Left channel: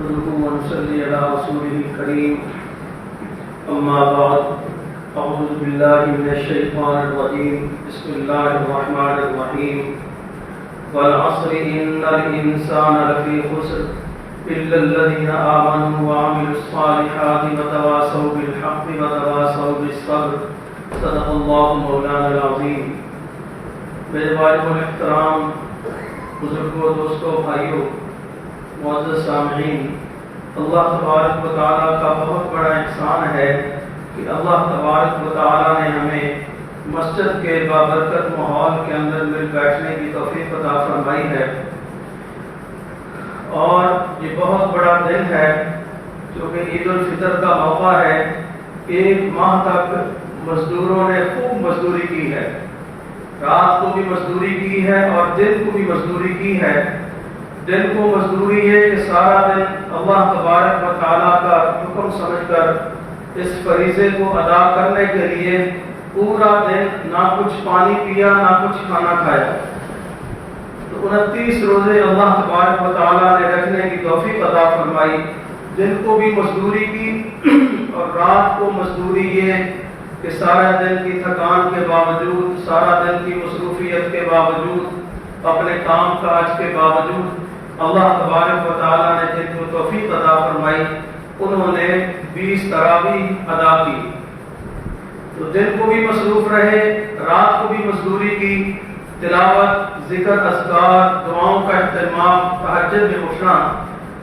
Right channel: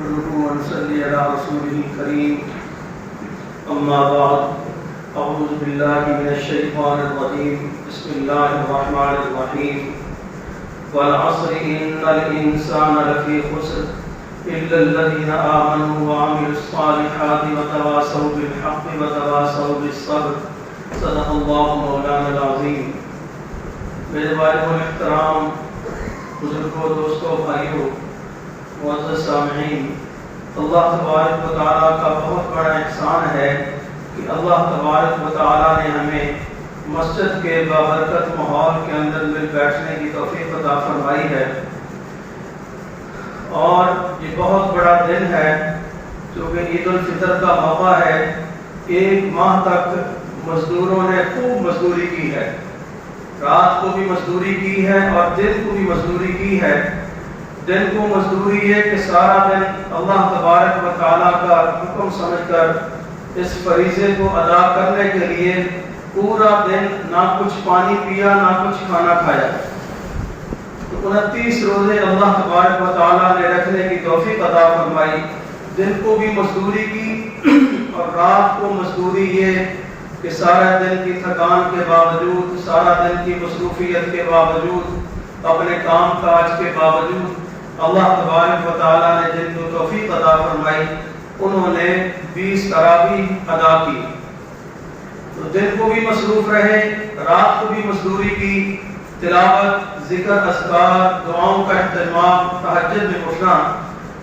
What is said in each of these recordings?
نحمده ونصلي على رسوله الكريم أما بعد أعوذ بالله من الشيطان الرجيم بسم الله الرحمن الرحيم والعصر إن الإنسان لفي خسر إلا الذين آمنوا وعملوا الصالحات وتواصوا بالحق وتواصوا بالصبر صدق الله مولانا العظيم. میرے والد احترام بزرگوں دوستوں بھائیوں معزز سامعین، اللہ تبارک و تعالیٰ کا بہت بڑا احسان ہے کہ اللہ تبارک و تعالیٰ نے ہمیں مسجد کے بابرکت ماحول کے اندر مل بیٹھنے کی توفیق عطا فرمائی ہے. اور یہ بہت بڑا دن ہے چونکہ عید الفطر کا موقع ہے. ایک ماہ تک مزدوروں نے خوب مزدوری کی ہے، رات کو بھی مزدوری کی ہے اور دن کو بھی مزدوری کی ہے. دن کو مزدوری ہے کہ سارا دن اللہ تبارک و تعالیٰ کا حکم سمجھ کر اس فریضے کو ادا کرنے کے لیے پورا دن نہ کچھ پانی پیا نہ کچھ کھانا کھایا. تو 29 روزے اللہ تبارک و تعالیٰ نے رکھنے کی توفیق عطا فرمائی. دن کو بھی مزدوری کی اور رات کو مزدوری یہ کہ سارا دن کی تھکان کے باوجود، سارا دن کی مصروفیت کے باوجود، اپنے کام کاج کے باوجود اللہ تبارک و تعالیٰ نے جن کو توفیق عطا فرمائی انہوں نے 20 تراویح ادا کی. تو دن کو بھی مصروف رہے، رات کو بھی مزدوری کی، تلاوت، ذکر، اذکار، دعاؤں کا اہتمام، تہجد میں اٹھنا.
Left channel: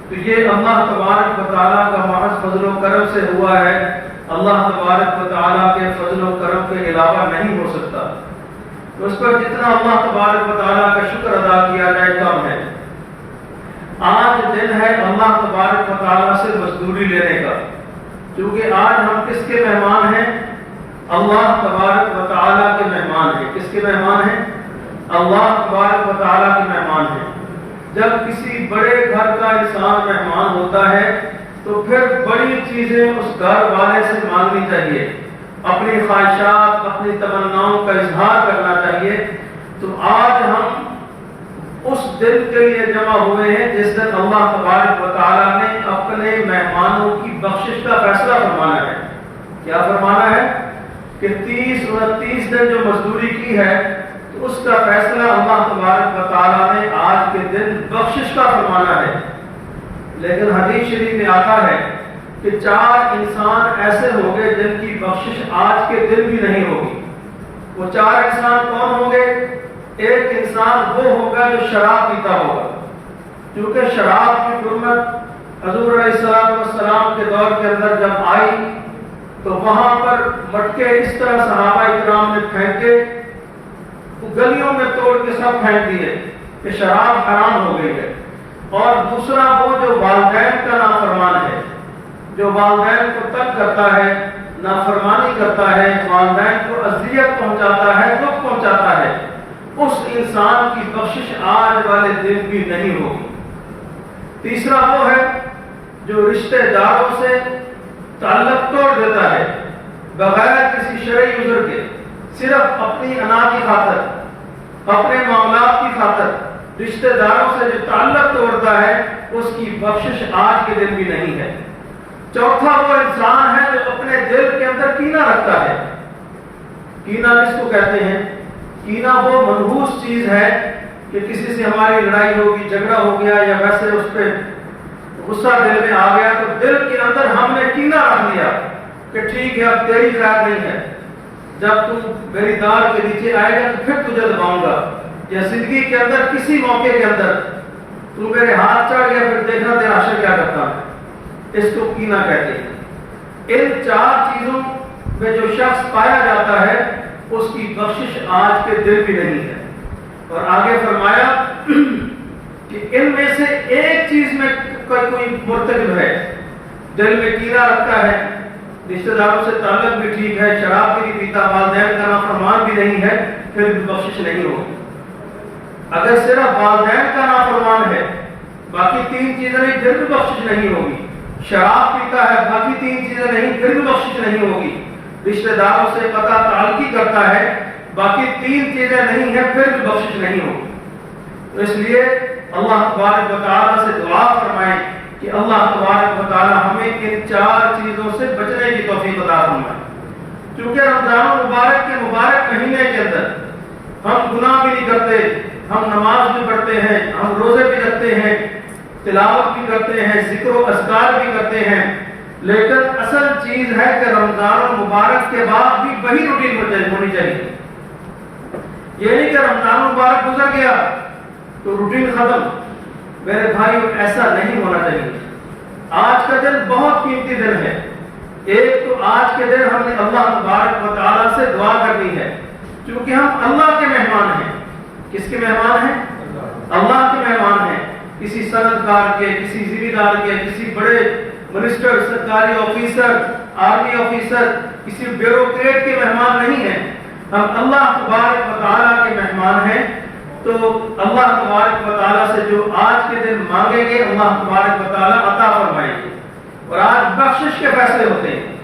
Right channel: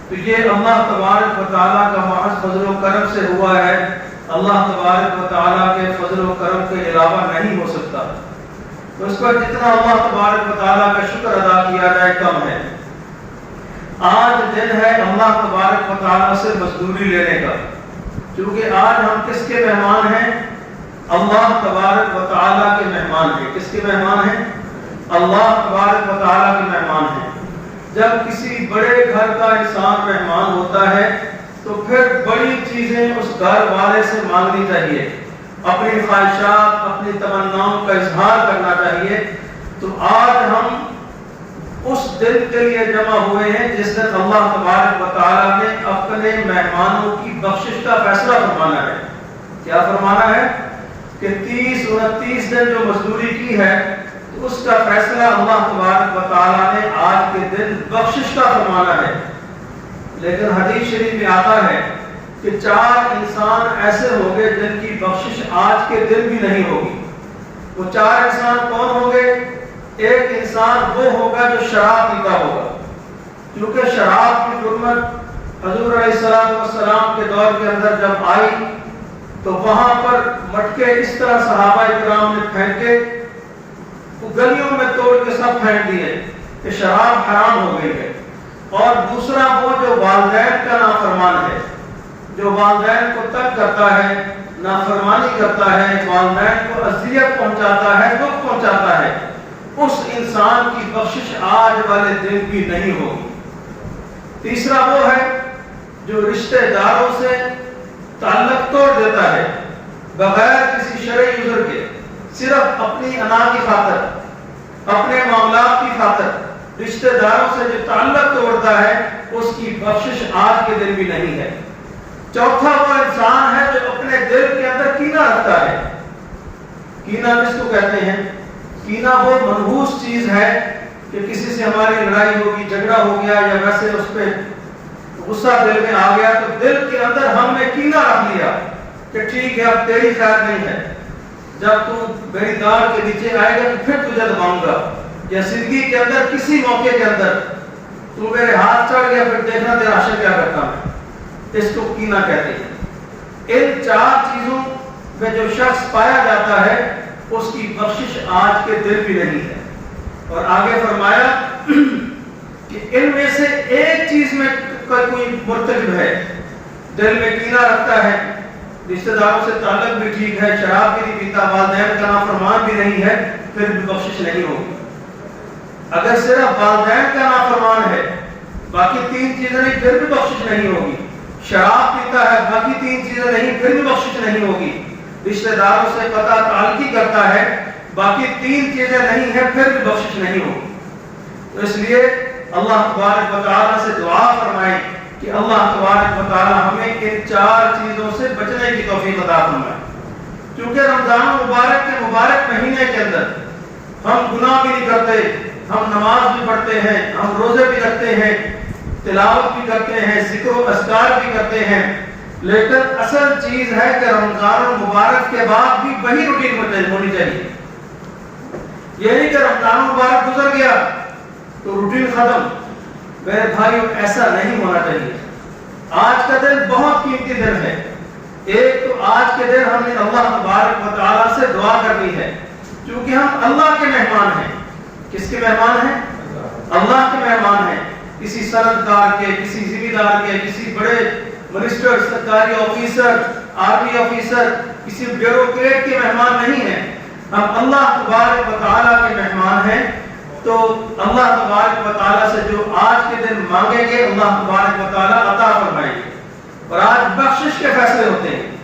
تو یہ اللہ تبارک و تعالیٰ کا محض فضل و کرم سے ہوا ہے. اللہ تبارک و تعالیٰ کے فضل و کرم کے علاوہ نہیں ہو سکتا. تو اس پر جتنا اللہ تبارک و تعالیٰ کا شکر ادا کیا جائے کم ہے. آج دن ہے اللہ تبارک و تعالیٰ سے مزدوری لینے کا، کیونکہ آج ہم کس کے مہمان ہیں؟ اللہ تبارک و تعالیٰ کے مہمان ہیں. کس کے مہمان ہیں؟ اللہ تبارک و تعالیٰ کے مہمان ہیں. جب کسی بڑے گھر کا انسان مہمان ہوتا ہے تو پھر بڑی چیزیں اس گھر والے سے مانگنی چاہیے، اپنی خواہشات، اپنی تمناؤں کا اظہار کرنا چاہیے. تو آج ہم اس دن کے لیے جمع ہوئے ہیں جس دن اللہ تبارک و تعالیٰ نے اپنے مہمانوں کی بخشش کا فیصلہ فرمانا ہے. کیا فرمانا ہے؟ کہ 30-29 دن جو مزدوری کی ہے تو اس کا فیصلہ اللہ تبارک و تعالیٰ نے آج کے دن بخشش کا فرمانا ہے. لیکن حدیث شریف میں آتا ہے کہ 4 انسان ایسے ہوں گے جن کی بخشش آج کے دن بھی نہیں ہوگی. وہ 4 انسان کون ہوں گے؟ ایک انسان وہ ہوگا جو شراب پیتا ہوگا، کیونکہ شراب کی حرمت حضور علیہ السلام کے دور کے اندر جب آئی تو وہاں پر مٹکے اس طرح صحابہ کرام نے پھینکے، گلیوں میں توڑ کے سب پھینک دیے کہ شراب حرام ہو گئی ہے. اور دوسرا وہ جو والدین کا نافرمان ہے، جو والدین کو تنگ کرتا ہے، نافرمانی کرتا ہے، والدین کو اذیت پہنچاتا ہے، دکھ پہنچاتا ہے، اس انسان کی بخشش آج والے دن بھی نہیں ہوگی. تیسرا وہ ہے جو رشتہ داروں سے تعلق توڑ دیتا ہے بغیر کسی شرعی عذر کے، صرف اپنی انا کی خاطر، اپنے معاملات کی خاطر رشتہ داروں سے جو تعلق توڑتا ہے اس کی بخشش آج کے دن بھی نہیں ہے. چوتھا وہ انسان ہے جو اپنے دل کے اندر کینہ رکھتا ہے. کینہ کس کو کہتے ہیں؟ کینہ وہ منحوس چیز ہے کہ کسی سے ہماری لڑائی ہوگی، جھگڑا ہو گیا یا ویسے اس پہ غصہ دل میں آ گیا تو دل کے اندر ہم نے کینہ رکھ لیا کہ ٹھیک ہے اب تیری ذات نہیں ہے، جب تو میری دار کے نیچے آئے گا تو پھر تجھے دباؤں گا. یا زندگی کے اندر کسی موقع کے اندر تو میرے ہاتھ چڑھ گیا پھر دیکھنا تیرا عاشق کیا کرتا ہے. اس کو کینہ کہتے ہیں. ان 4 چیزوں میں جو شخص پایا جاتا ہے اس کی بخشش آج کے دن بھی نہیں ہے. اور آگے فرمایا کہ ان میں سے ایک چیز میں کوئی مرتکب ہے، دل میں کینہ رکھتا ہے، رشتہ داروں سے تعلق بھی ٹھیک ہے، شراب بھی نہیں پیتا، والدین کا نافرمان بھی نہیں ہے، پھر بھی بخشش نہیں ہوگی. اگر صرف والدین کا نافرمان ہے، باقی 3 چیزیں نہیں، پھر بھی بخشش نہیں ہوگی. شراب پیتا ہے، باقی 3 چیزیں نہیں، پھر بھی بخشش نہیں ہوگی. رشتہ داروں سے قطع تعلقی کرتا ہے، باقی 3 چیزیں نہیں ہیں، پھر بھی بخشش نہیں ہوگی. تو اس لیے اللہ تبارک و تعالیٰ سے دعا فرمائیں کہ اللہ تبارک و تعالی ہمیں ان 4 چیزوں سے بچنے کی توفیق عطا فرمائے. کیونکہ رمضان مبارک کے مبارک مہینے کے اندر ہم گناہ بھی نہیں کرتے، ہم نماز بھی پڑھتے ہیں، ہم روزے بھی رکھتے ہیں، تلاوت بھی کرتے ہیں، ذکر و اذکار بھی کرتے ہیں، لیکن اصل چیز ہے کہ رمضان مبارک کے بعد بھی وہی روٹین ہونی چاہیے. یہ نہیں کہ رمضان مبارک گزر گیا تو روٹین ختم. میرے بھائیو ایسا نہیں ہونا چاہیے. آج کا دن بہت قیمتی دن ہے. ایک تو آج کے دن ہم نے اللہ تبارک و تعالیٰ سے دعا کرنی ہے، کیونکہ ہم اللہ کے مہمان ہیں. کس کے مہمان ہیں؟ اللہ کے مہمان ہیں. کسی سندکار کے، کسی ذمہ دار کے، کسی بڑے منسٹر، سرکاری آفیسر، آرمی آفیسر، کسی بیوروکریٹ کے مہمان نہیں ہیں. ہم اللہ تبارک و تعالیٰ کے مہمان ہیں. تو اللہ تبارک و تعالیٰ سے جو آج کے دن مانگیں گے اللہ تبارک و تعالیٰ عطا فرمائیں گے. اور آج بخشش کے فیصلے ہوتے ہیں.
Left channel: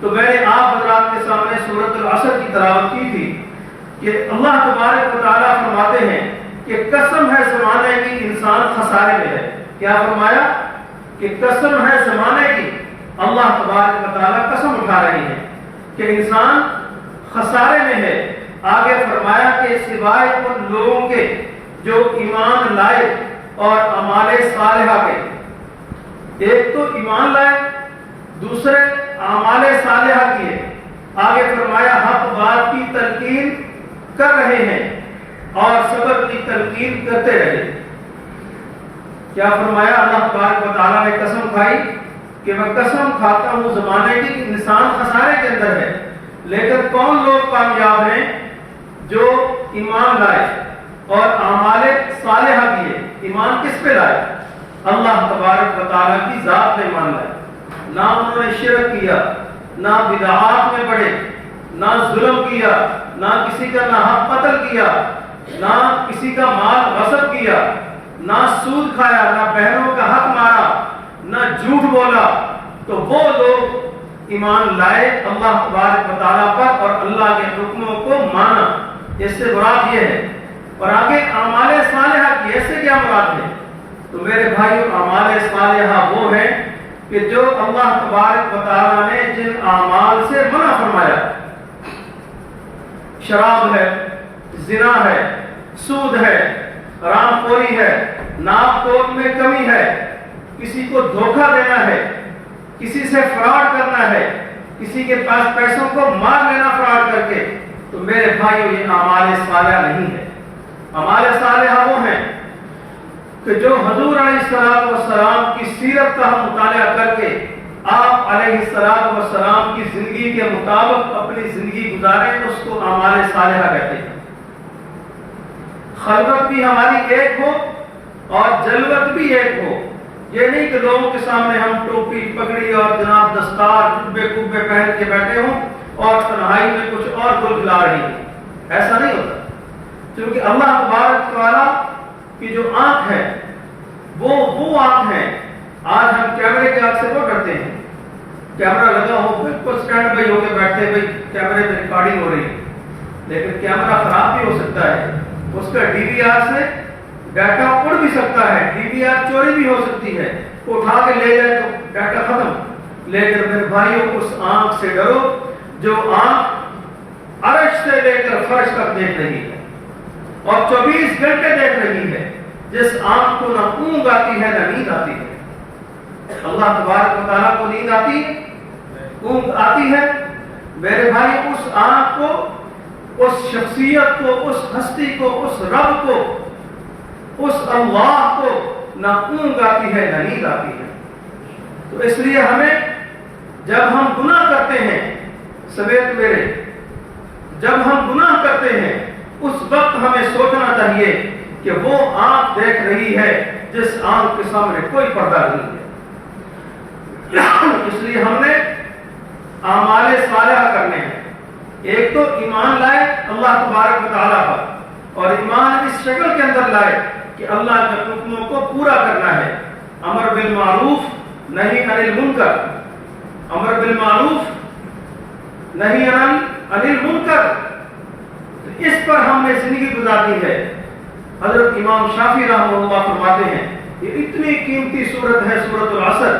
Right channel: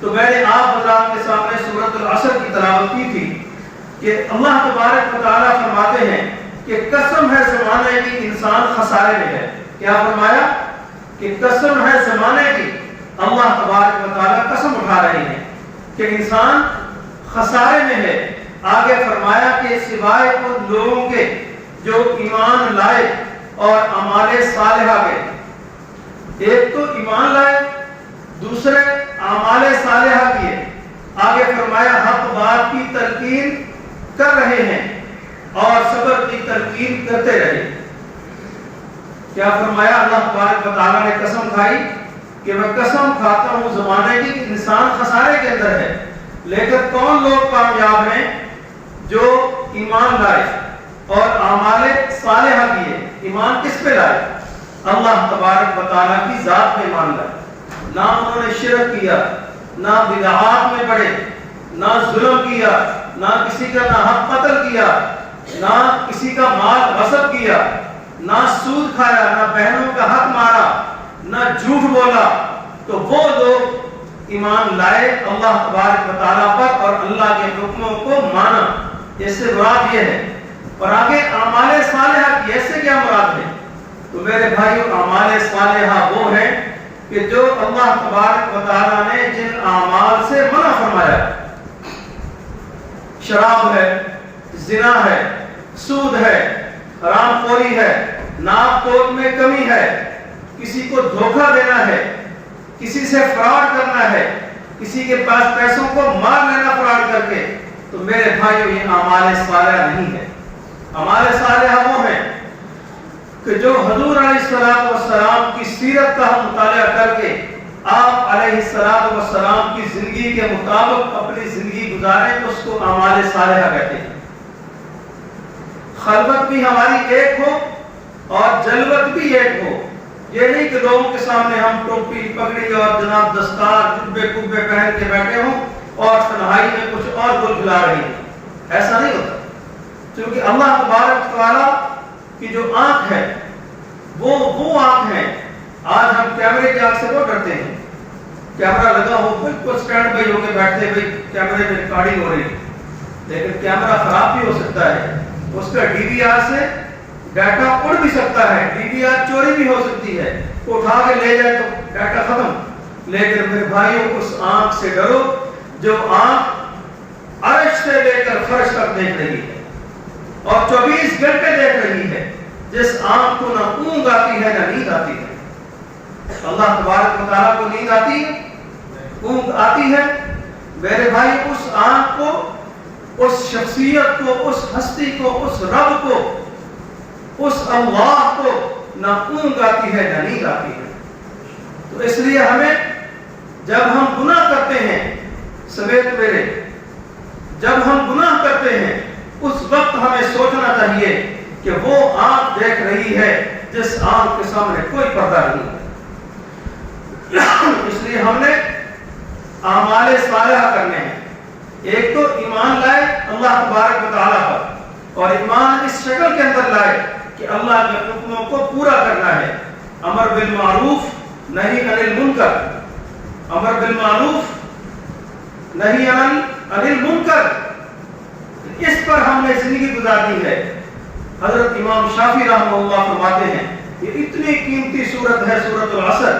تو میں نے آپ حضرات کے سامنے سورۃ العصر کی تلاوت کی تھی کہ اللہ تبارک و تعالیٰ فرماتے ہیں کہ قسم ہے زمانے کی انسان خسارے میں ہے. کیا فرمایا؟ کہ قسم ہے زمانے کی. اللہ تبارک و تعالیٰ قسم اٹھا رہے ہیں کہ انسان خسارے میں ہے. آگے فرمایا کہ سوائے ان لوگوں کے جو ایمان لائے اور اعمال صالحہ کے. ایک تو ایمان لائے، دوسرے اعمال صالحہ کیے. آگے فرمایا حق بات کی تلقین کر رہے ہیں اور صبر کی تلقین کرتے رہے. کیا فرمایا؟ اللہ تبارک و تعالیٰ نے قسم کھائی کہ میں قسم کھاتا ہوں زمانے کی کہ انسان خسارے کے اندر ہے. لیکن کون لوگ کامیاب ہیں؟ جو ایمان لائے اور اعمال صالحہ کیے. ایمان کس پہ لائے؟ اللہ تبارک و تعالیٰ کی ذات پہ ایمان لائے. نہ انہوں نے شرک کیا، نہ بدعات میں پڑے، نہ ظلم کیا، نہ کسی کا ناحق قتل کیا، نہ کسی کا مال غصب کیا، نہ سود کھایا، نہ بہنوں کا حق مارا، نہ جھوٹ بولا. تو وہ لوگ ایمان لائے اللہ تبارک و تعالیٰ پر اور اللہ کے حکموں کو مانا. اس سے مراد یہ ہے. اور آگے اعمال صالحہ کی، ایسے کیا مراد ہے؟ تو میرے بھائیو اعمال صالحہ وہ ہیں کہ جو اللہ تبارک و تعالیٰ نے جن اعمال سے منع فرمایا. شراب ہے، زنا ہے، سود ہے، حرام خوری ہے، ناپ توپ میں کمی ہے، کسی کو دھوکہ دینا ہے، کسی سے فراڈ کرنا ہے، کسی کے پاس پیسوں کو مار لینا فراڈ کر کے. تو میرے بھائیو یہ اعمال صالحہ نہیں ہے. اعمال صالحہ وہ ہیں کہ جو حضور علیہ السلام کی سیرت کا ہم مطالعہ کر کے آپ علیہ السلام کی زندگی کے مطابق اپنی زندگی گزاریں تو اس کو اعمال صالحہ کہتے ہیں. خلوت بھی ہماری ایک ہو اور جلوت بھی ایک ہو. یہ نہیں کہ لوگوں کے سامنے ہم ٹوپی پگڑی اور جناب دستار جبے کبے پہن کے بیٹھے ہوں اور تنہائی میں کچھ اور گل کھلا رہی ہیں. ایسا نہیں ہوتا. کیونکہ اللہ تبارک تعالیٰ کی جو آنکھ ہے وہ آنکھ ہے. آج ہم کیمرے کی آنکھ سے وہ ڈرتے ہیں. کیمرہ لگا ہو بالکل سٹینڈ بائی ہو کے بیٹھتے ہیں، بھائی کیمرے پہ ریکارڈنگ ہو رہی ہے. لیکن کیمرہ خراب بھی ہو سکتا ہے. اس کا ڈی وی آر سے ڈیٹا اڑ بھی سکتا ہے، ڈی وی آر چوری بھی ہو سکتی ہے، اٹھا کے لے جائے تو ڈیٹا ختم. لیکن میرے بھائیوں اس آنکھ سے ڈرو جو آنکھ عرش سے لے کر فرش تک دیکھ رہی ہے اور 24 گھنٹے دیکھ رہی ہے. جس آنکھ کو نہ اونگ آتی ہے نہ نیند آتی ہے. اللہ تبارک و تعالیٰ کو نیند آتی ہے، اونگ آتی ہے. میرے بھائی اس آنکھ کو، اس شخصیت کو، اس ہستی کو، اس رب کو، اس اللہ کو نہ اونگ آتی ہے نہ نیند آتی ہے. تو اس لیے ہمیں جب ہم گناہ کرتے ہیں سمیت میرے، جب ہم گناہ کرتے ہیں اس وقت ہمیں سوچنا چاہیے کہ وہ آنکھ دیکھ رہی ہے جس آنکھ کے سامنے کوئی پردہ نہیں ہے. اس لیے ہم نے اعمال صالحہ کرنے ہیں. ایک تو ایمان لائے اللہ تبارک و تعالیٰ پر، اور ایمان اس شکل کے اندر لائے کہ اللہ کے حکموں کو پورا کرنا ہے. امر بالمعروف نہی عن المنکر، امر بالمعروف نہی عن المنکر، اس پر ہم نے زندگی گزارنی ہے. حضرت امام شافعی رحمہ اللہ فرماتے ہیں یہ اتنی قیمتی سورت ہے سورۃ العصر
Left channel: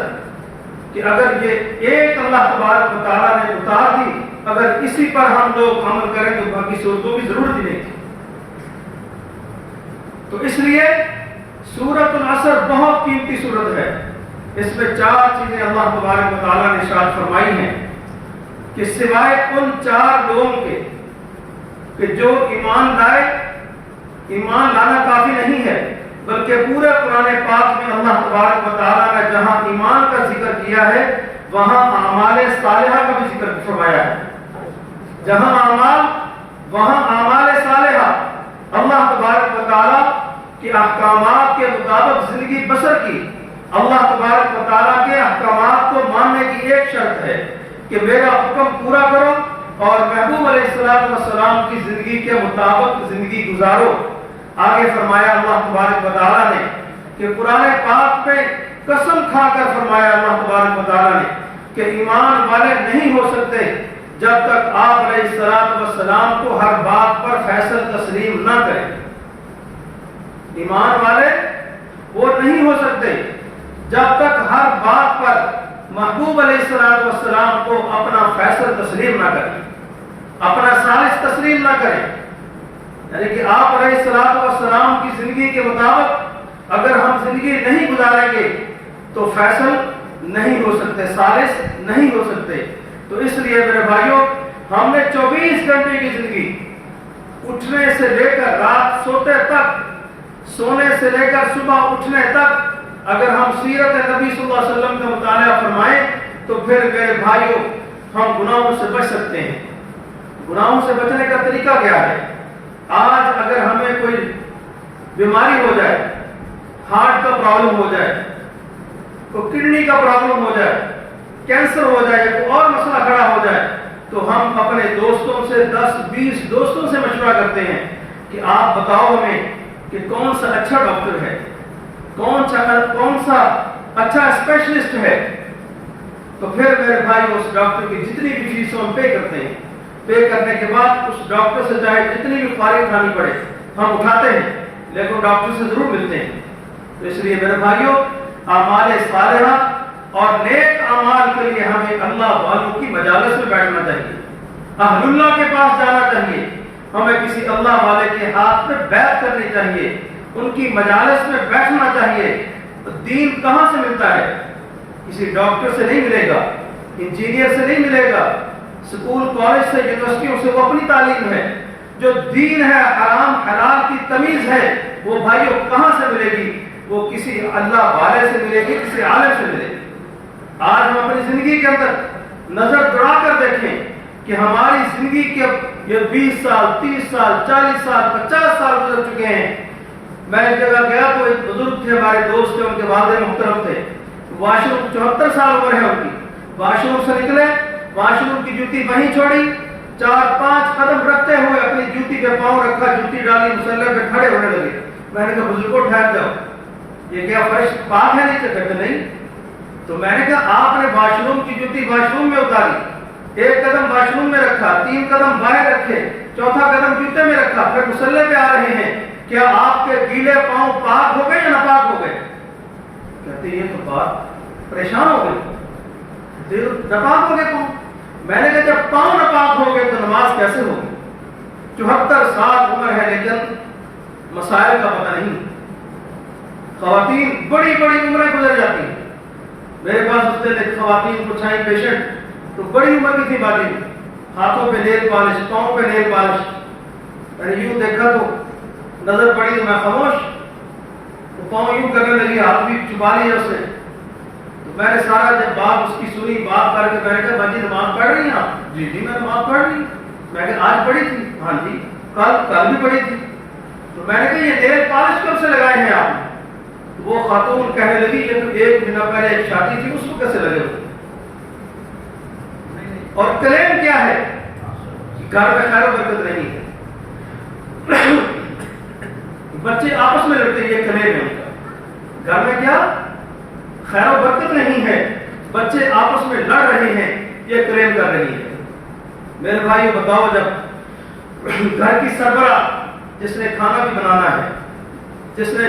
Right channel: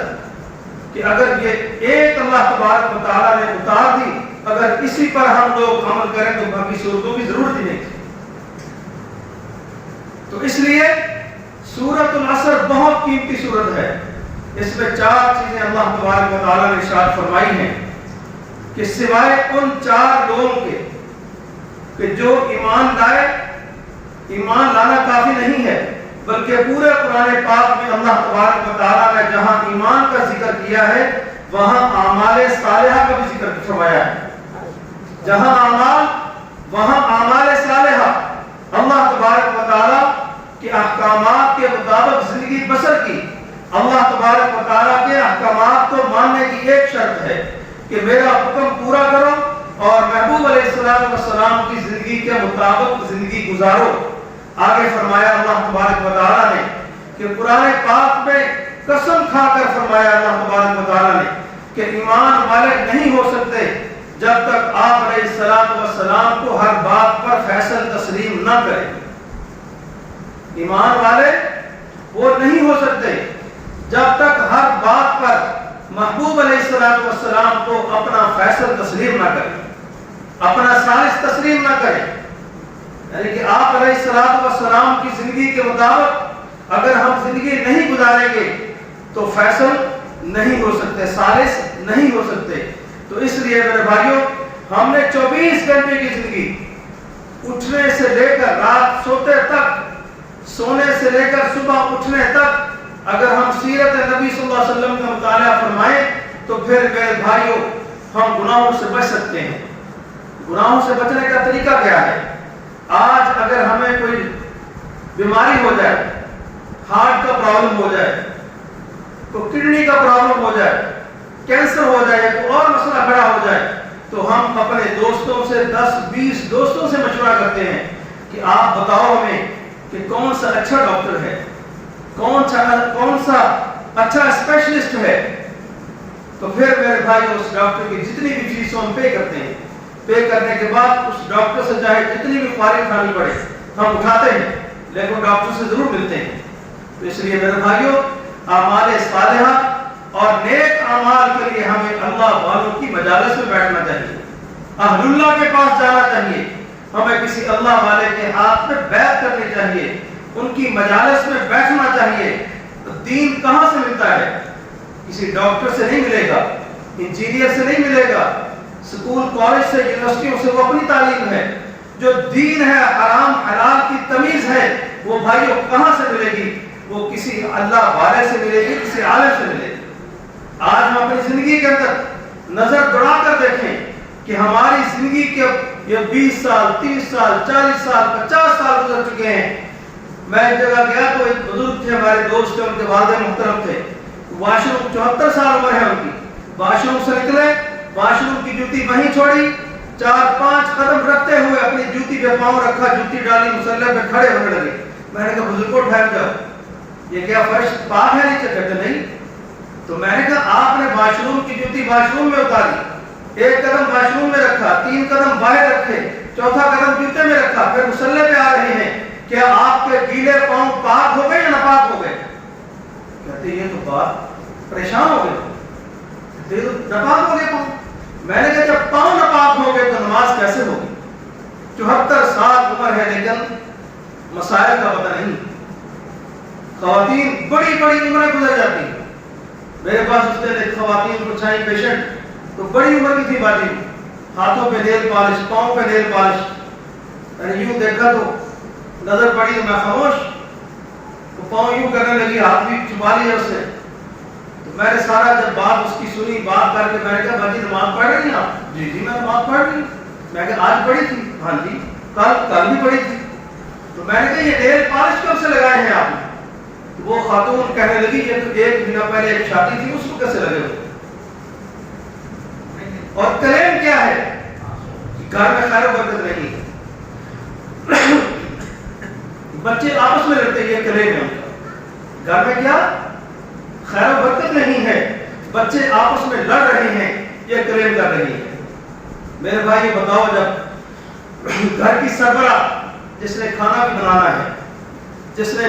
کہ اگر یہ ایک اللہ تبارک و تعالیٰ نے اتار دی، اگر اسی پر ہم لوگ عمل کریں تو باقی سورتوں کی ضرورت ہی نہیں تھی۔ تو اس لیے سورۃ العصر بہت قیمتی سورت ہے۔ اس میں 4 چیزیں اللہ تبارک و تعالیٰ نے ارشاد فرمائی ہیں کہ سوائے ان 4 لوگوں کے کہ جو ایمان لائے، ایمان لانا کافی نہیں ہے، بلکہ پورے قرآن پاک میں اللہ تبارک و تعالیٰ نے جہاں ایمان کا ذکر کیا ہے وہاں اعمال صالحہ کا بھی ذکر فرمایا ہے۔ جہاں اعمال وہاں اعمال صالحہ، اللہ تبارک و تعالیٰ کے احکامات کے مطابق زندگی بسر کی۔ اللہ تبارک و تعالیٰ کے احکامات کو ماننے کی ایک شرط ہے کہ میرا حکم پورا کرو اور محبوب علیہ السلام کی زندگی کے مطابق زندگی گزارو۔ آگے فرمایا اللہ تبارک و تعالیٰ نے کہ قرآن پاک میں قسم کھا کر فرمایا اللہ تبارک و تعالیٰ نے کہ ایمان والے نہیں ہو سکتے جب تک آپ علیہ السلام کو ہر بات پر فیصل تسلیم نہ کریں۔ ایمان والے وہ نہیں ہو سکتے جب تک ہر بات پر محبوب علیہ السلام کو اپنا فیصل تسلیم نہ کریں، اپنا ثالث تسلیم نہ کریں۔ یعنی کہ آپ علیہ السلام کی زندگی کے مطابق اگر ہم زندگی نہیں گزاریں گے تو فیصل نہیں ہو سکتے، ثالث نہیں ہو سکتے۔ تو اس لیے میرے بھائیوں، ہم نے 24 گھنٹے کی زندگی، اٹھنے سے لے کر رات سوتے تک، سونے سے لے کر صبح اٹھنے تک اگر ہم سیرت نبی صلی اللہ علیہ وسلم کا مطالعہ فرمائیں تو پھر میرے بھائیوں ہم گناہوں سے بچ سکتے ہیں۔ گناہوں سے بچنے کا طریقہ کیا ہے؟ آج اگر ہمیں کوئی بیماری ہو جائے، ہارٹ کا پرابلم ہو جائے، کوئی کڈنی کا پرابلم ہو جائے، کینسر ہو جائے، کوئی اور مسئلہ کھڑا ہو جائے، تو ہم اپنے دوستوں سے 10-20 دوستوں سے مشورہ کرتے ہیں کہ آپ بتاؤ ہمیں کہ کون سا اچھا ڈاکٹر ہے، کون سا اچھا اسپیشلسٹ ہے۔ تو پھر میرے بھائی اس ڈاکٹر کی جتنی بھی فیس ہم پے کرتے ہیں، پے کرنے کے بعد اس ڈاکٹر سے چاہے جتنی بھی فارغ اٹھانی پڑے ہم اٹھاتے ہیں، لیکن ڈاکٹر سے ضرور ملتے ہیں۔ تو اس لیے میرے بھائیوں، اعمال صالحہ اور نیک اعمال کے لیے ہمیں اللہ والوں کی مجالس میں بیٹھنا چاہیے، اہل اللہ کے پاس جانا چاہیے، ہمیں کسی اللہ والے کے ہاتھ میں بیعت کرنی چاہیے، ان کی مجالس میں بیٹھنا چاہیے۔ دین کہاں سے ملتا ہے؟ کسی ڈاکٹر سے نہیں ملے گا، انجینئر سے نہیں ملے گا، سکول کالج سے، یونیورسٹیوں سے، وہ اپنی تعلیم ہے۔ جو دین ہے، حرام حلال کی تمیز ہے، وہ بھائیوں کہاں سے ملے گی؟ وہ کسی اللہ والے سے ملے گی، کسی عالم سے ملے گی۔ آج ہم اپنی زندگی کے اندر نظر دوڑا کر دیکھیں کہ ہماری زندگی کے یہ 20 سال، 30 سال، 40 سال، 50 سال گزر چکے ہیں۔ میں ایک جگہ گیا تو ایک بزرگ تھے، ہمارے دوست تھے، ان کے والد محترم تھے، واش روم 74 سال عمر ہے ان کی، واش روم سے نکلے، واش روم کی جوتی وہیں چھوڑی، 4-5 قدم رکھتے ہوئے اپنی جوتی پہ پاؤں رکھا، جوتی ڈالی، مصلی پہ کھڑے ہونے لگے۔ میں نے کہا بزرگوں ٹھہر جاؤ، یہ کیا فرش پاک ہے؟ نہیں کہتے نہیں۔ تو میں نے کہا آپ نے واش روم کی جوتی واش روم میں اتاری، 1 قدم واش روم میں رکھا، 3 قدم باہر رکھے، 4تھا قدم جوتے میں رکھا، پھر مصلی پہ آ رہے ہیں، کیا آپ کے گیلے پاؤں پاک ہو گئے یا ناپاک ہو گئے؟ کہتے یہ تو بات، پریشان ہو گئے، ناپاک ہو گئے پاؤں۔ میں نے کہا جب پاؤں ناپاک ہو گئے تو نماز کیسے ہوگی؟ 74 سال عمر ہے لیکن مسائل کا پتہ نہیں۔ خواتین بڑی بڑی عمریں گزر جاتی ہیں۔ میرے پاس اس دن ایک خواتین کو چھائی پیشنٹ، تو بڑی عمر کی تھی باجی، ہاتھوں پہ نیل پالش، پاؤں پہ نیل پالش۔ میں نے یوں دیکھا تو نظر پڑی تو میں خاموش، وہ پاؤں یوں کرنے لگی، ہاتھ بھی چھپا لیا اس نے۔ تو میں نے سارا جب بات اس کی سنی، بات کر کے میں نے کہا باجی نماز پڑھ رہی ہیں آپ؟ جی میں نماز پڑھ رہی ہوں۔ میں کہا آج پڑھی تھی؟ ہاں جی کل بھی پڑھی تھی۔ تو میں نے کہا یہ نیل پالش کب سے لگائے ہیں آپ نے؟ وہ خاتون کہنے لگی یہ تو 1 مہینہ پہلے ایک شادی تھی، اس کو کیسے لگے ہو؟ اور کلیم کیا ہے کہ گھر میں خیر و برکت نہیں ہے، بچے آپس میں لڑتے، یہ کلیم ہے ان کا۔ گھر میں کیا خیر و برکت نہیں ہے، بچے آپس میں لڑ رہے ہیں، یہ کلیم کر رہی ہے۔ میرے بھائی بتاؤ، جب گھر کی سربراہ جس نے کھانا بھی بنانا ہے، جس نے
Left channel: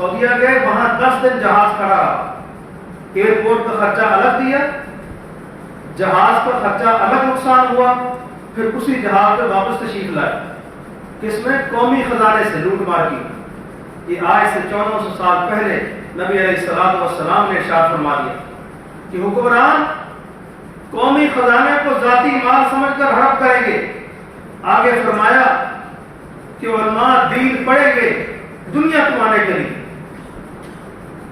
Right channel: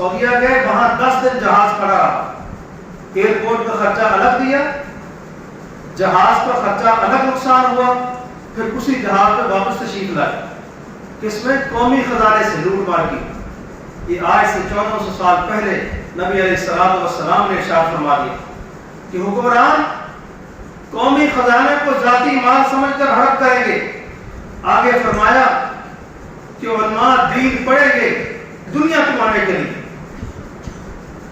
سعودیہ گئے, وہاں 10 دن جہاز کھڑا رہا, ایئرپورٹ کا خرچہ الگ دیا, جہاز کا خرچہ الگ نقصان ہوا, پھر اسی جہاز پہ واپس تشریف لائے, کس میں؟ قومی خزانے سے لوٹ مار کی. یہ آج سے 1400 سال پہلے نبی علیہ الصلوۃ والسلام نے ارشاد فرما دیا کہ حکمران قومی خزانے کو ذاتی مال سمجھ کر ہڑپ کریں گے. آگے فرمایا کہ علماء دین پڑھیں گے دنیا کمانے کے لیے,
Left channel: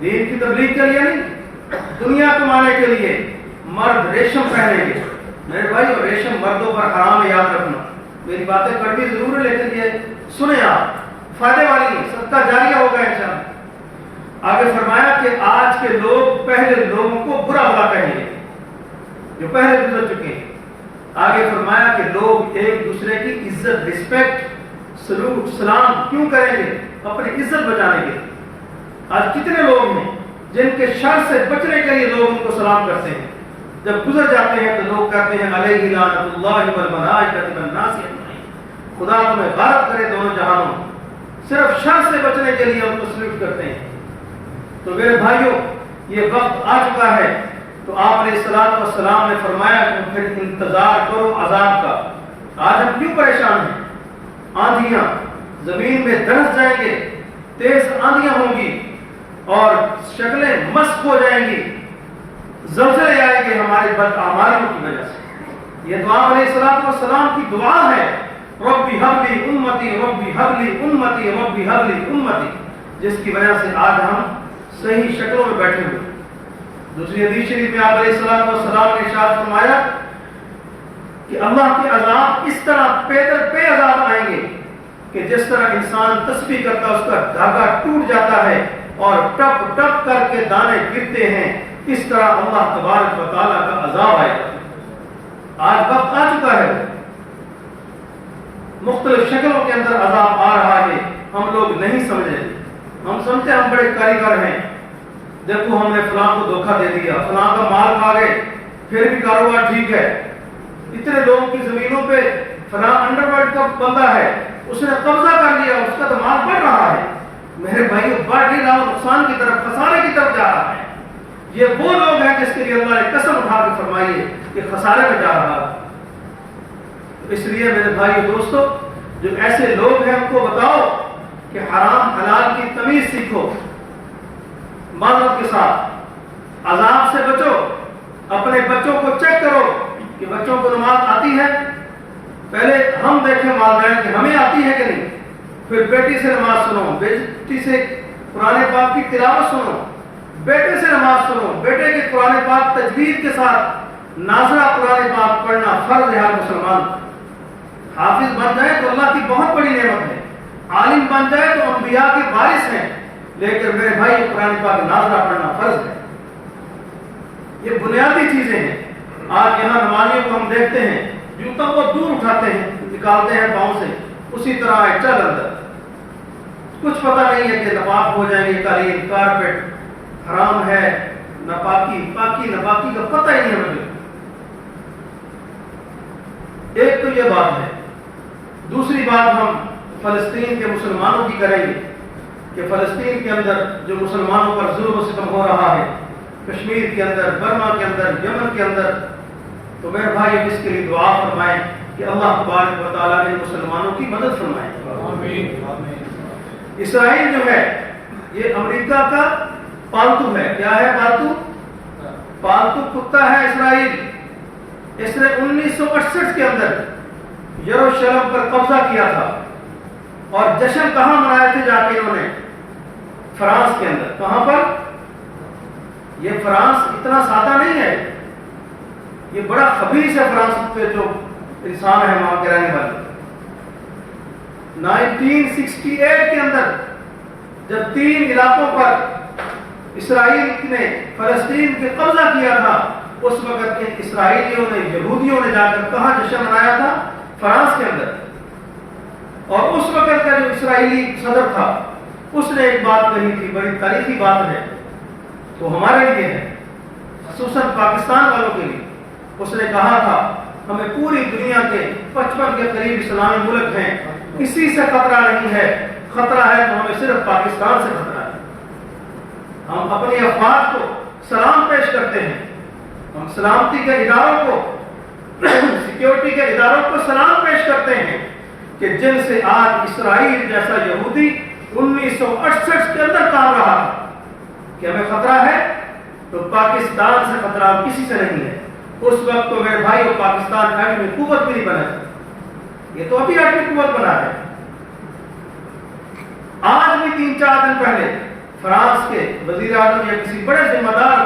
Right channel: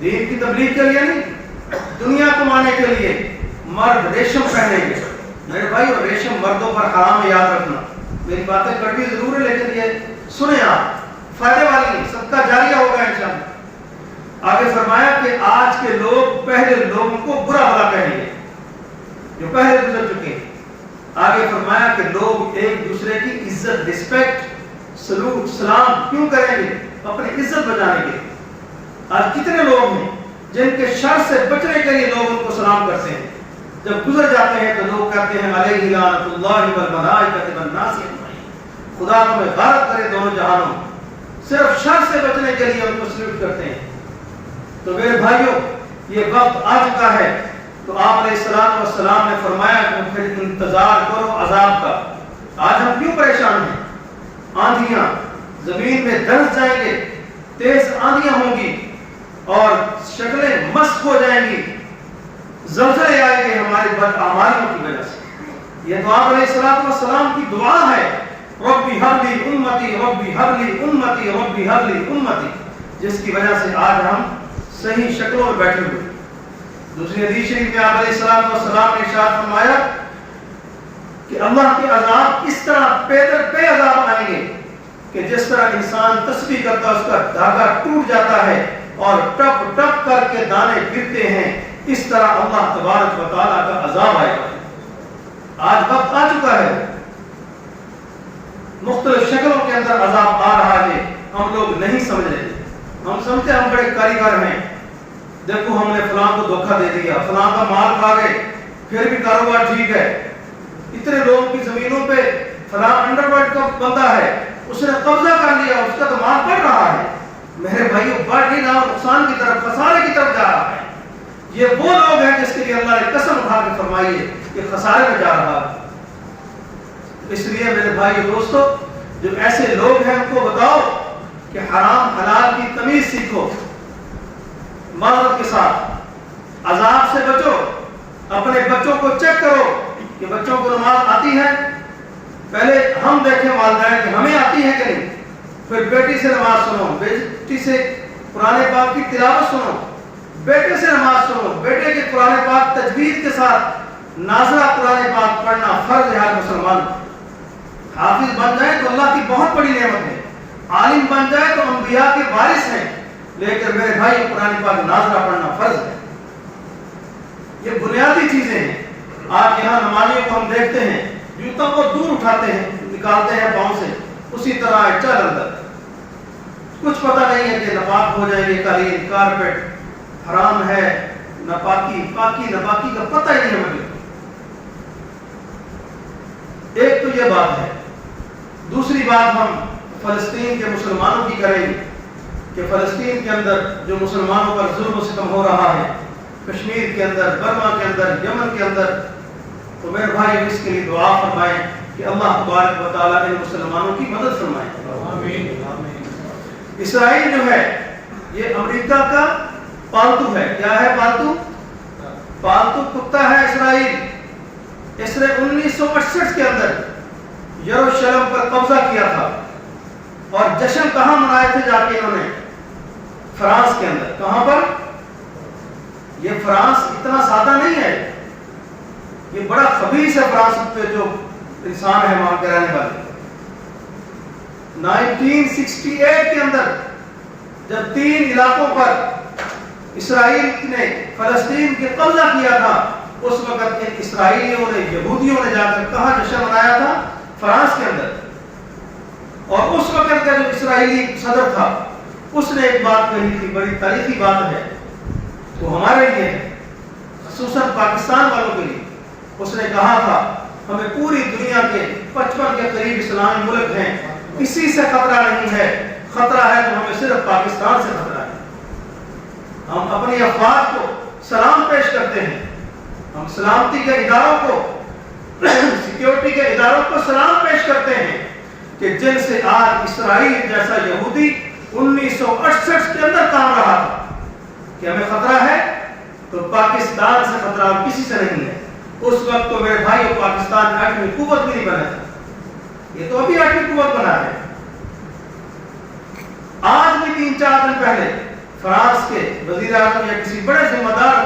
دین کی تبلیغ کے لیے نہیں, دنیا کمانے کے لیے. مرد ریشم پہنیں گے. میرے بھائی اور ریشم مردوں پر حرام ہے, یاد رکھنا. میری باتیں کڑوی ضرور ہے لیکن یہ سنیں آپ, فائدے والی ہیں, صدقہ جاریہ ہوگا انشاءاللہ. آگے فرمایا کہ آج کے لوگ پہلے لوگوں کو برا بھلا کہیں گے جو پہلے گزر چکے ہیں. آگے فرمایا کہ لوگ ایک دوسرے کی عزت, رسپیکٹ, سلوٹ, سلام کیوں کریں گے؟ اپنی عزت بچانے کے. آج کتنے لوگ ہیں جن کے شر سے بچنے کے لیے لوگ ان کو سلام کرتے ہیں, جب گزر جاتے ہیں تو لوگ کہتے ہیں علیہ لعنت اللہ والملائکۃ والناس اجمعین, خدا تمہیں غارت کرے دونوں جہانوں. صرف شر سے بچنے کے لیے ہم کو سلوٹ کرتے ہیں. تو میرے بھائیوں یہ وقت آ چکا ہے. تو آپ علیہ الصلوۃ والسلام نے فرمایا کہ پھر انتظار کرو عذاب کا. آج ہم کیوں پریشان ہیں؟ آندھیاں زمین میں دھنس جائیں گے, تیز آندھیاں ہوں گی اور شکلیں مسخ ہو جائیں گی, زلزلے آئیں گے ہماری بدعمالیوں کی وجہ سے. یہ تو آپ علیہ الصلوۃ والسلام کی دعا ہے, ربی ھب لی امتی ربی ھب لی امتی ربی ھب لی امتی, جس کی وجہ سے آج ہم صحیح شکلوں میں بیٹھے ہوئے. دوسری حدیث شریف میں آپ علیہ الصلوۃ والسلام نے ارشاد فرمایا کہ اللہ کے عذاب اس طرح پہ عذاب آئیں گے کہ جس طرح انسان تسبیح کرتا اس کا دھاگا ٹوٹ جاتا ہے اور ٹپ ٹپ کر کے دانے گرتے ہیں, اس طرح اللہ تبارک و تعالیٰ کا عذاب آئے گا. آج وقت آ چکا ہے, مختلف شکلوں کے اندر عذاب آ رہا ہے, ہم لوگ نہیں سمجھ رہے. ہم سمجھتے ہم بڑے کاریگر ہیں, دیکھو ہم نے فلاں کو دھوکہ دے دیا, فلاں کا مال کھا گئے, پھر بھی کاروبار ٹھیک ہے. اتنے لوگوں کی زمینوں پہ فلاں انڈر ورلڈ کا بندہ ہے, اس نے قبضہ کر لیا, اس کا تو مال بڑھ رہا ہے. میرے بھائیوں بڑھ نہیں رہا, نقصان کی طرف, خسارے کی طرف جا رہا ہے. یہ وہ لوگ ہیں جس کے لیے اللہ نے قسم اٹھا کے فرمائی ہے کہ خسارے میں جا رہا ہے. اس لیے میرے بھائی دوستو, جو ایسے لوگ ہیں ان کو بتاؤ کہ حرام حلال کی تمیز سیکھو, معذرت کے ساتھ, عذاب سے بچو. اپنے بچوں کو چیک کرو کہ بچوں کو نماز آتی ہے. پہلے ہم دیکھیں والدین کہ ہمیں آتی ہے کہ نہیں, پھر بیٹی سے نماز سنو, بیٹی سے قرآن پاک کی تلاوت سنو, بیٹے سے نماز سنو, بیٹے کے قرآن پاک تجوید کے ساتھ ناظرہ قرآن پاک پڑھنا فرض ہے ہر مسلمان. حافظ بن جائے تو اللہ کی بہت بڑی نعمت ہے, عالم بن جائے تو انبیاء کے وارث ہیں, لیکن میرے بھائی قرآن پاک ناظرہ پڑھنا فرض ہے. یہ بنیادی چیزیں ہیں. آج یہاں نمازیوں کو ہم دیکھتے ہیں جوتوں کو دور اٹھاتے ہیں, نکالتے ہیں پاؤں سے, اسی طرح ہے چل اندر. کچھ پتہ نہیں ہے کہ ناپاک ہو جائیں گے, قالین, کارپیٹ حرام ہے, ناپاکی, پاکی ناپاکی کا پتہ ہی نہیں ہمیں. ایک تو یہ بات ہے. دوسری بات ہم فلسطین کے مسلمانوں کی کریں گے کہ فلسطین کے اندر جو مسلمانوں پر ظلم و ستم ہو رہا ہے, کشمیر کے اندر, برما کے اندر, یمن کے اندر, تو میرے بھائی اس کے لیے دعا فرمائیں کہ اللہ تبارک و تعالیٰ ان مسلمانوں کی مدد فرمائے. اسرائیل جو ہے یہ امریکہ کا پالتو ہے. کیا ہے پالتو؟ پالتو کتا ہے اسرائیل. اس نے 1968 کے اندر یروشلم پر قبضہ کیا تھا, اور جشن کہاں منائے تھے جا کے انہوں نے؟ فرانس کے اندر. کہاں پر؟ یہ فرانس اتنا سادہ نہیں ہے, یہ بڑا خبیث ہے. فرانس پہ جو انسان ہے وہاں کے رہنے والے. 1968 کے اندر جب 3 علاقوں پر اسرائیل نے فلسطین کے قبضہ کیا تھا, اس وقت ان اسرائیلیوں نے, یہودیوں نے جا کر کہاں جشن منایا تھا؟ فرانس کے اندر. اور اس وقت کا جو اسرائیلی صدر تھا اس نے ایک بات کہی تھی, بڑی تاریخی بات ہے, وہ ہمارے لیے ہے, خصوصاً پاکستان والوں کے لیے. اس نے کہا تھا ہمیں پوری دنیا کے 55 کے قریب اسلامی ملک ہیں, کسی سے خطرہ نہیں ہے, خطرہ ہے تو ہمیں صرف پاکستان سے خطرہ ہے. ہم اپنی افواج کو سلام پیش کرتے ہیں، ہم سلامتی کے اداروں کو سیکیورٹی کے اداروں کو سلام پیش کرتے ہیں کہ جن سے آج اسرائیل جیسا یہودی 1968 کے اندر کام رہا تھا کہ ہمیں خطرہ ہے تو پاکستان سے خطرہ اور کسی سے نہیں ہے۔ اس وقت تو میرے بھائیو پاکستان ایٹمی قوت بھی نہیں بنا تھا، یہ تو ابھی ایٹمی قوت بنا ہے۔ آج بھی 3-4 دن پہلے فرانس کے وزیر اعظم یا کسی بڑے ذمہ دار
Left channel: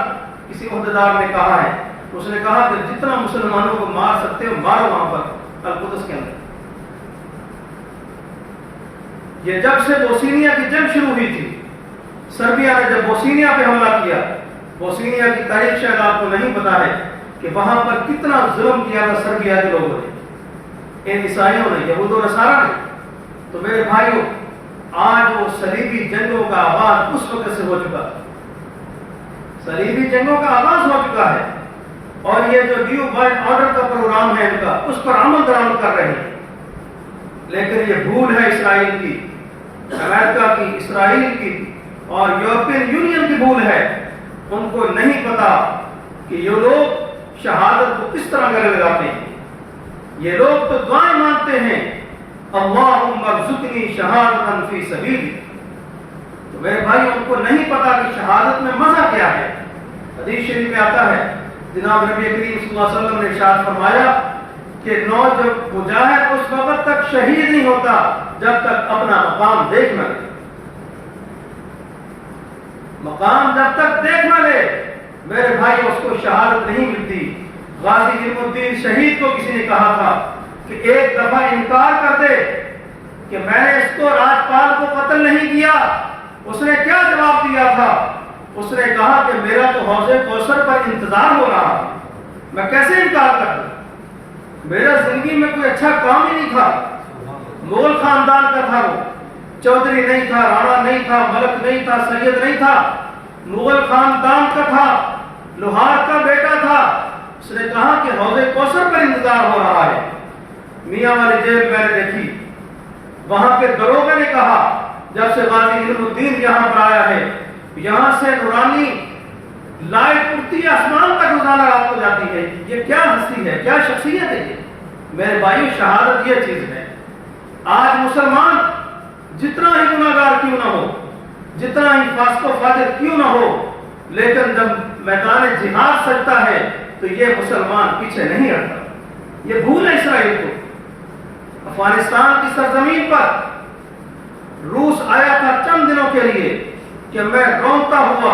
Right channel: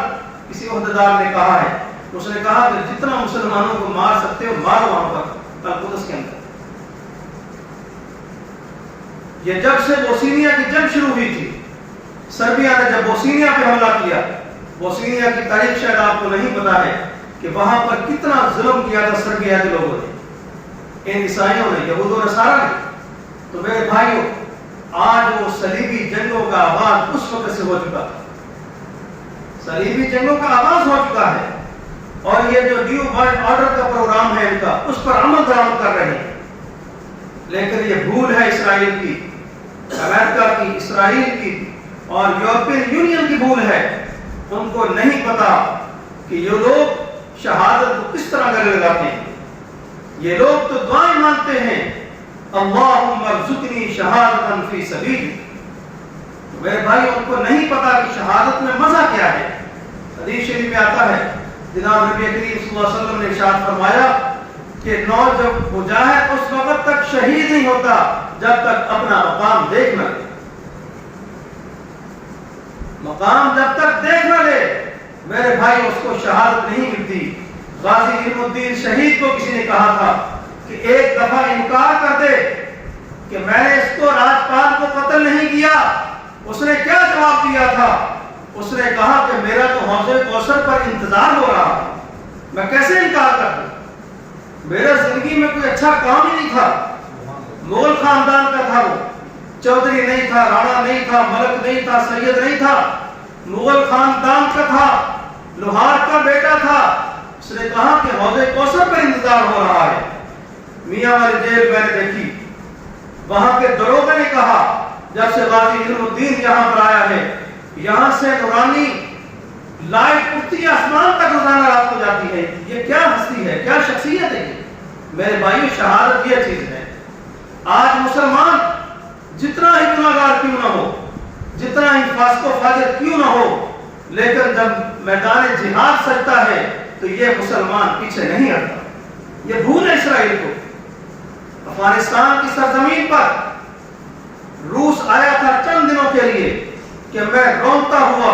کسی عہدیدار نے کہا ہے، اس نے کہا کہ جتنا مسلمانوں کو مار سکتے ہو مارو وہاں پر القدس کے اندر۔ یہ جب سے بوسنیا کی جنگ شروع ہوئی تھی، سربیا نے جب بوسنیا پہ حملہ کیا، بوسنیا کی تاریخ شاید آپ کو نہیں پتا ہے کہ وہاں پر کتنا ظلم کیا تھا سربیا کے لوگوں نے، ان عیسائیوں نے، یہود و نصارہ نے۔ تو میرے بھائیوں آج وہ صلیبی جنگوں کا آغاز اس وقت سے ہو چکا تھا، صلیبی جنگوں کا آغاز ہو چکا ہے، اور یہ جو نیو ورلڈ آرڈر کا پروگرام ہے ان کا، اس پر عمل درآمد کر رہے ہیں۔ لیکن یہ بھول ہے اسرائیل کی، امریکہ کی، اسرائیل کی اور یورپین یونین کی بھول ہے۔ ان کو نہیں پتا کہ یہ لوگ شہادت کو کس طرح گلے لگاتے ہیں۔ یہ لوگ تو دعائیں مانگتے ہیں، اللہم ارزقنی شہادتا فی سبیل۔ تو میرے بھائی ان کو نہیں پتا کہ شہادت میں مزہ کیا ہے۔ حدیث شریف میں آتا ہے، جناب نبی کریم صلی اللہ علیہ وسلم نے ارشاد فرمایا کہ جب مجاہد اس وقت تک شہید نہیں ہوتا جب تک اپنا مقام دیکھ نہ لے، مقام جب تک دیکھ نہ لے میرے بھائی اس کو شہادت نہیں ملتی۔ غازی علم الدین شہید کو کسی نے کہا تھا کہ ایک دفعہ انکار کر دے کہ میں نے اس کو راجپال کو قتل نہیں کیا، اس نے کیا جواب دیا تھا؟ اس نے کہا کہ میرا تو حوض کوثر پر انتظار ہو رہا ہے، میں کیسے انکار کر دوں؟ میرا زندگی میں کوئی اچھا کام ہی نہیں تھا، مغل خاندان کا تھا، وہ چودھری نہیں تھا، رانا نہیں تھا، ملک نہیں تھا، سید نہیں تھا، مغل خاندان کا تھا، لوہار کا بیٹا تھا۔ اس نے کہا کہ حوض کوثر پر انتظار ہو رہا ہے۔ میاں والی جیل میں نے دیکھی، وہاں کے دروگے نے کہا جب سے غازی علم الدین یہاں پر آیا ہے، یہاں سے نورانی لائٹ اٹھتی ہے آسمان تک، روزانہ رات کو جاتی ہے، یہ کیا ہستی ہے، کیا شخصیت ہے یہ؟ میرے بھائیو شہادت یہ چیز ہے۔ آج مسلمان جتنا ہی گناہگار کیوں نہ ہو، جتنا ہی فاسق و فاجر کیوں نہ ہو، لیکن جب میدان جہاد سجتا ہے تو یہ مسلمان پیچھے نہیں ہٹتا۔ یہ بھول ہے اسرائیل کو۔ افغانستان کی سرزمین پر روس آیا تھا چند دنوں کے لیے کہ میں رونتا ہوا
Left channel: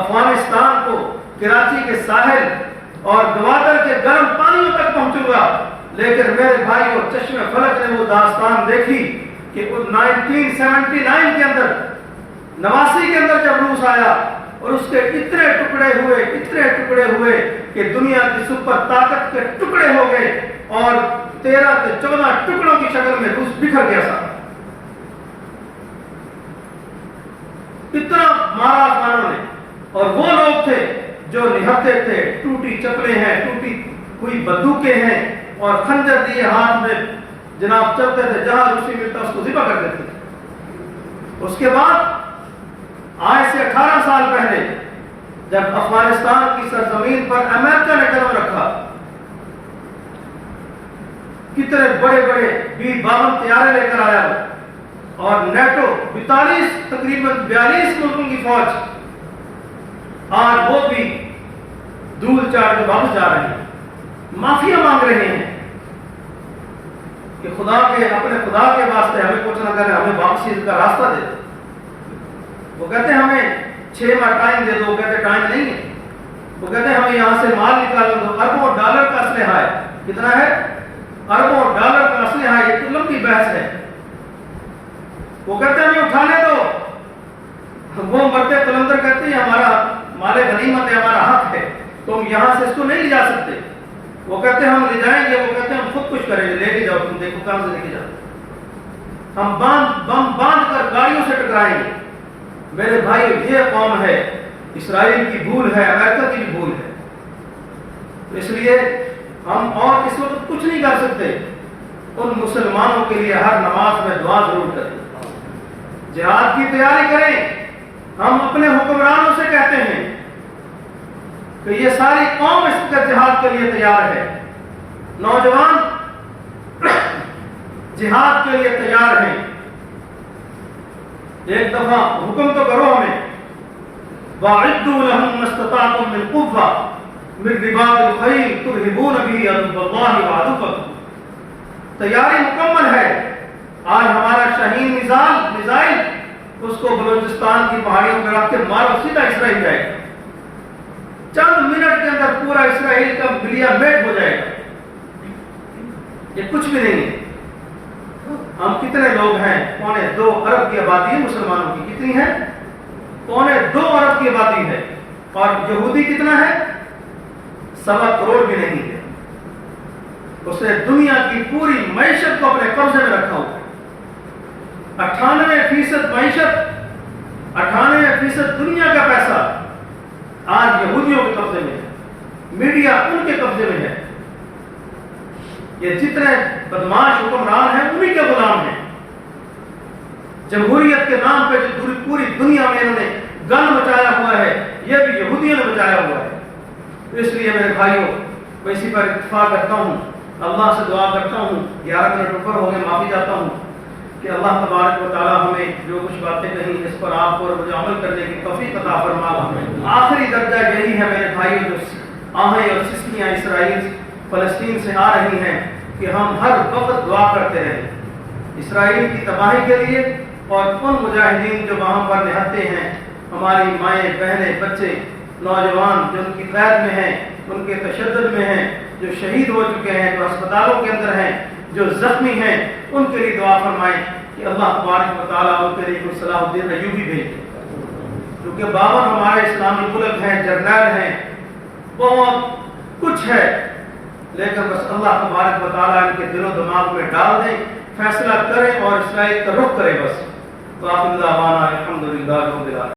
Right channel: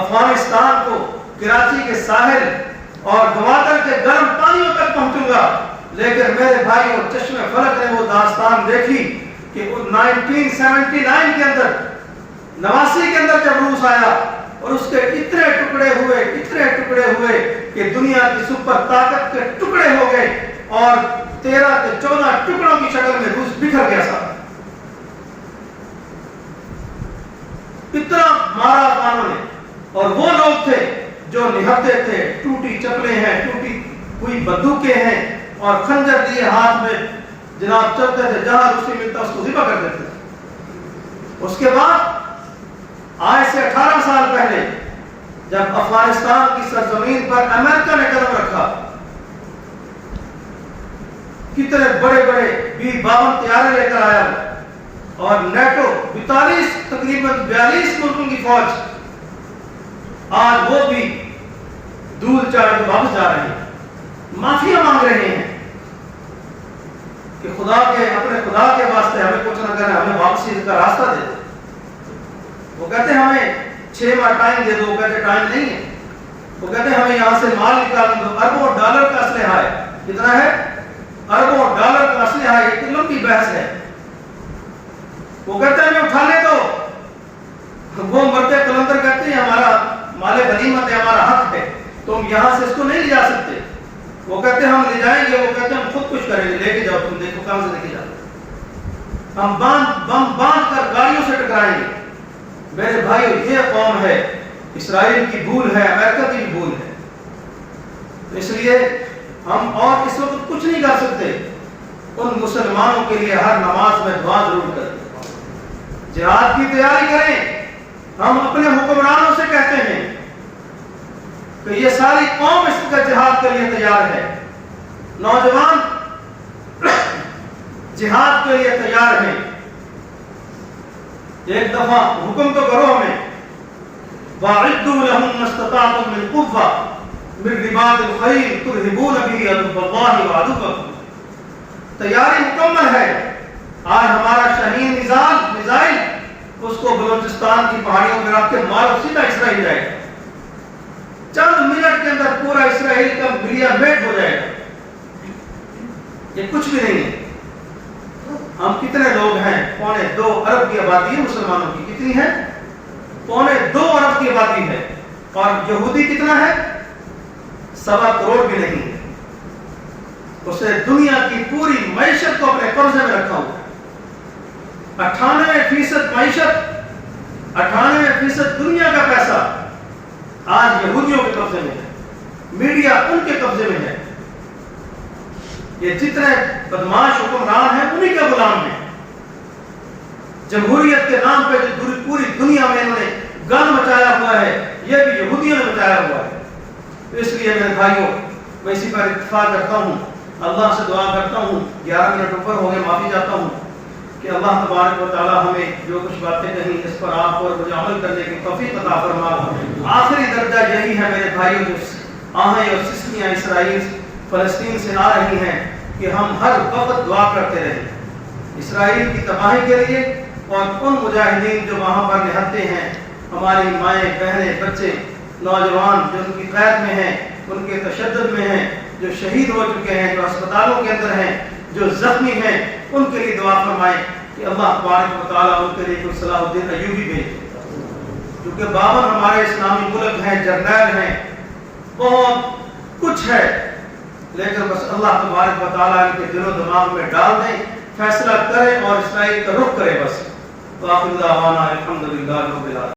افغانستان کو کراچی کے ساحل اور گوادر کے گرم پانیوں تک پہنچوں گا، لیکن میرے بھائی اور چشمے فلک نے وہ داستان دیکھی کہ 1979 کے اندر، 89 کے اندر جب روس آیا اور اس کے اتنے ٹکڑے ہوئے کہ دنیا کی سپر طاقت کے ٹکڑے ہو گئے اور 13 کے 14 ٹکڑوں کی شکل میں روس بکھر گیا سا۔ اتنا مارا افغانوں نے، اور وہ لوگ تھے جو نہتے تھے، ٹوٹی چپلیں ہیں، ٹوٹی ہوئی بندوقیں ہیں اور خنجر دیے ہاتھ میں جناب چلتے تھے، جہاں روسی ملتا اس کو ذبح کر دیتے تھے۔ اس کے بعد آج سے 18 سال پہلے جب افغانستان کی سرزمین پر امریکہ نے قدم رکھا، کتنے بڑے بڑے B-52 طیارے لے کر آیا اور نیٹو 42 تقریباً 42 ملکوں کی فوج آج وہ بھی دھول چاٹ کے واپس جا رہے ہیں، معافیا مانگ رہے ہیں کہ اپنے خدا کے واسطے ہمیں کچھ نہ کریں، ہمیں واپسی کا راستہ دے دو۔ وہ کہتے ہیں ہمیں 6 ماہ ٹائم دے دو، وہ کہتے ٹائم نہیں ہے، وہ کہتے ہیں ہمیں یہاں سے مال نکالنے دو، اربوں ڈالر کا اسلحہ ہے، کتنا ہے؟ اربوں ڈالر کا اسلحہ ہے، یہ لمبی بحث ہے۔ وہ کہتے ہیں ہمیں اٹھانے دو، وہ مرد قلندر کہتے ہیں ہمارا مال غنیمت ہے، ہمارا حق ہے، تم یہاں سے اس کو نہیں لے جا سکتے۔ وہ کہتے ہیں ہم لے جائیں گے، وہ کہتے ہیں ہم خود کچھ کریں گے، لے کے جاؤ، تم دیکھو کہاں سے لے کے جاؤ، ہم بم باندھ کر گاڑیوں سے ٹکرائیں گے۔ میرے بھائیو یہ قوم ہے، اسرائیل کی بھول ہے، امریکہ کی بھی بھول ہے۔ تو اس لیے ہم اور اس وقت کچھ نہیں کر سکتے، ان مسلمانوں کے لیے ہر نماز میں دعا ضرور کریں، جہاد کی تیاری کریں، ہم اپنے حکمرانوں سے کہتے ہیں کہ یہ ساری قوم اس کا جہاد کے لیے تیار ہے، نوجوان جہاد کے لیے تیار ہیں، ایک دفعہ حکم تو کرو ہمیں، وَأَعِدُّوا لَهُم مَّا اسْتَطَعْتُم مِّن قُوَّةٍ مِّن رِّبَاطِ الْخَيْلِ تُرْهِبُونَ بِهِ عَدُوَّ اللَّهِ وَعَدُوَّكُمْ۔ تیاری مکمل ہے، آج ہمارا شاہین میزائل اس کو بلوچستان کی پہاڑیوں پر رکھ کے مارو، سیدھا اسرائیل جائے گا، چند منٹ کے اندر پورا اسرائیل کا ملیا میٹ ہو جائے گا، یہ کچھ بھی نہیں ہے۔ ہم کتنے لوگ ہیں؟ 2.25 ارب کی آبادی ہے مسلمانوں کی، کتنی ہے؟ 2.25 ارب کی آبادی ہے، اور یہودی کتنا ہے؟ 1.25 کروڑ بھی نہیں ہے۔ اسے دنیا کی پوری معیشت کو اپنے قبضے میں رکھا ہوا ہے، 98% معیشت، 98% دنیا کا پیسہ آج یہودیوں کے قبضے میں ہے، میڈیا ان کے قبضے میں ہے، یہ جتنے بدماش حکمران ہیں انہی کے غلام ہیں۔ جمہوریت کے نام پہ جو پوری دنیا میں انہوں نے گند مچایا ہوا ہے، یہ بھی یہودیوں نے مچایا ہوا ہے۔ تو اس لیے میرے بھائیوں، میں اسی پر اتفاق کرتا ہوں، اللہ سے دعا کرتا ہوں، 11 منٹ اوپر ہو گئے، معافی چاہتا ہوں کہ اللہ تبارک و تعالی ہمیں جو کچھ باتیں کہیں اس پر آپ اور مجھے عمل کرنے کی توفیق عطا فرما۔ آخری درجہ یہی ہے میرے بھائیوں، جو آہیں اور سسکیاں اسرائیل فلسطین سے آ رہی ہیں، کہ ہم ہر وقت دعا کرتے رہیں اسرائیل کی تباہی کے لیے، اور ان مجاہدین جو وہاں پر نہتے ہیں، ہماری مائیں بہنیں بچے نوجوان جو ان کی قید میں ہیں، ان کے تشدد میں ہیں، جو شہید ہو چکے ہیں، جو ہسپتالوں کے اندر ہیں، جو زخمی ہیں، ان کے لیے دعا فرمائیں کہ اللہ تبارک و تعالیٰ ان کے لیے کوئی صلاح الدین ایوبی بھیجے، کیونکہ بابر ہمارے اسلامی ملک ہیں، جرنیل ہیں، بہت کچھ ہے، لیکن بس اللہ تبارک و تعالیٰ ان کے دل و دماغ میں ڈال دیں، فیصلہ کریں اور اسرائیل کا رخ کریں بس۔ وآخر دعوانا الحمدللہ رب العالمین۔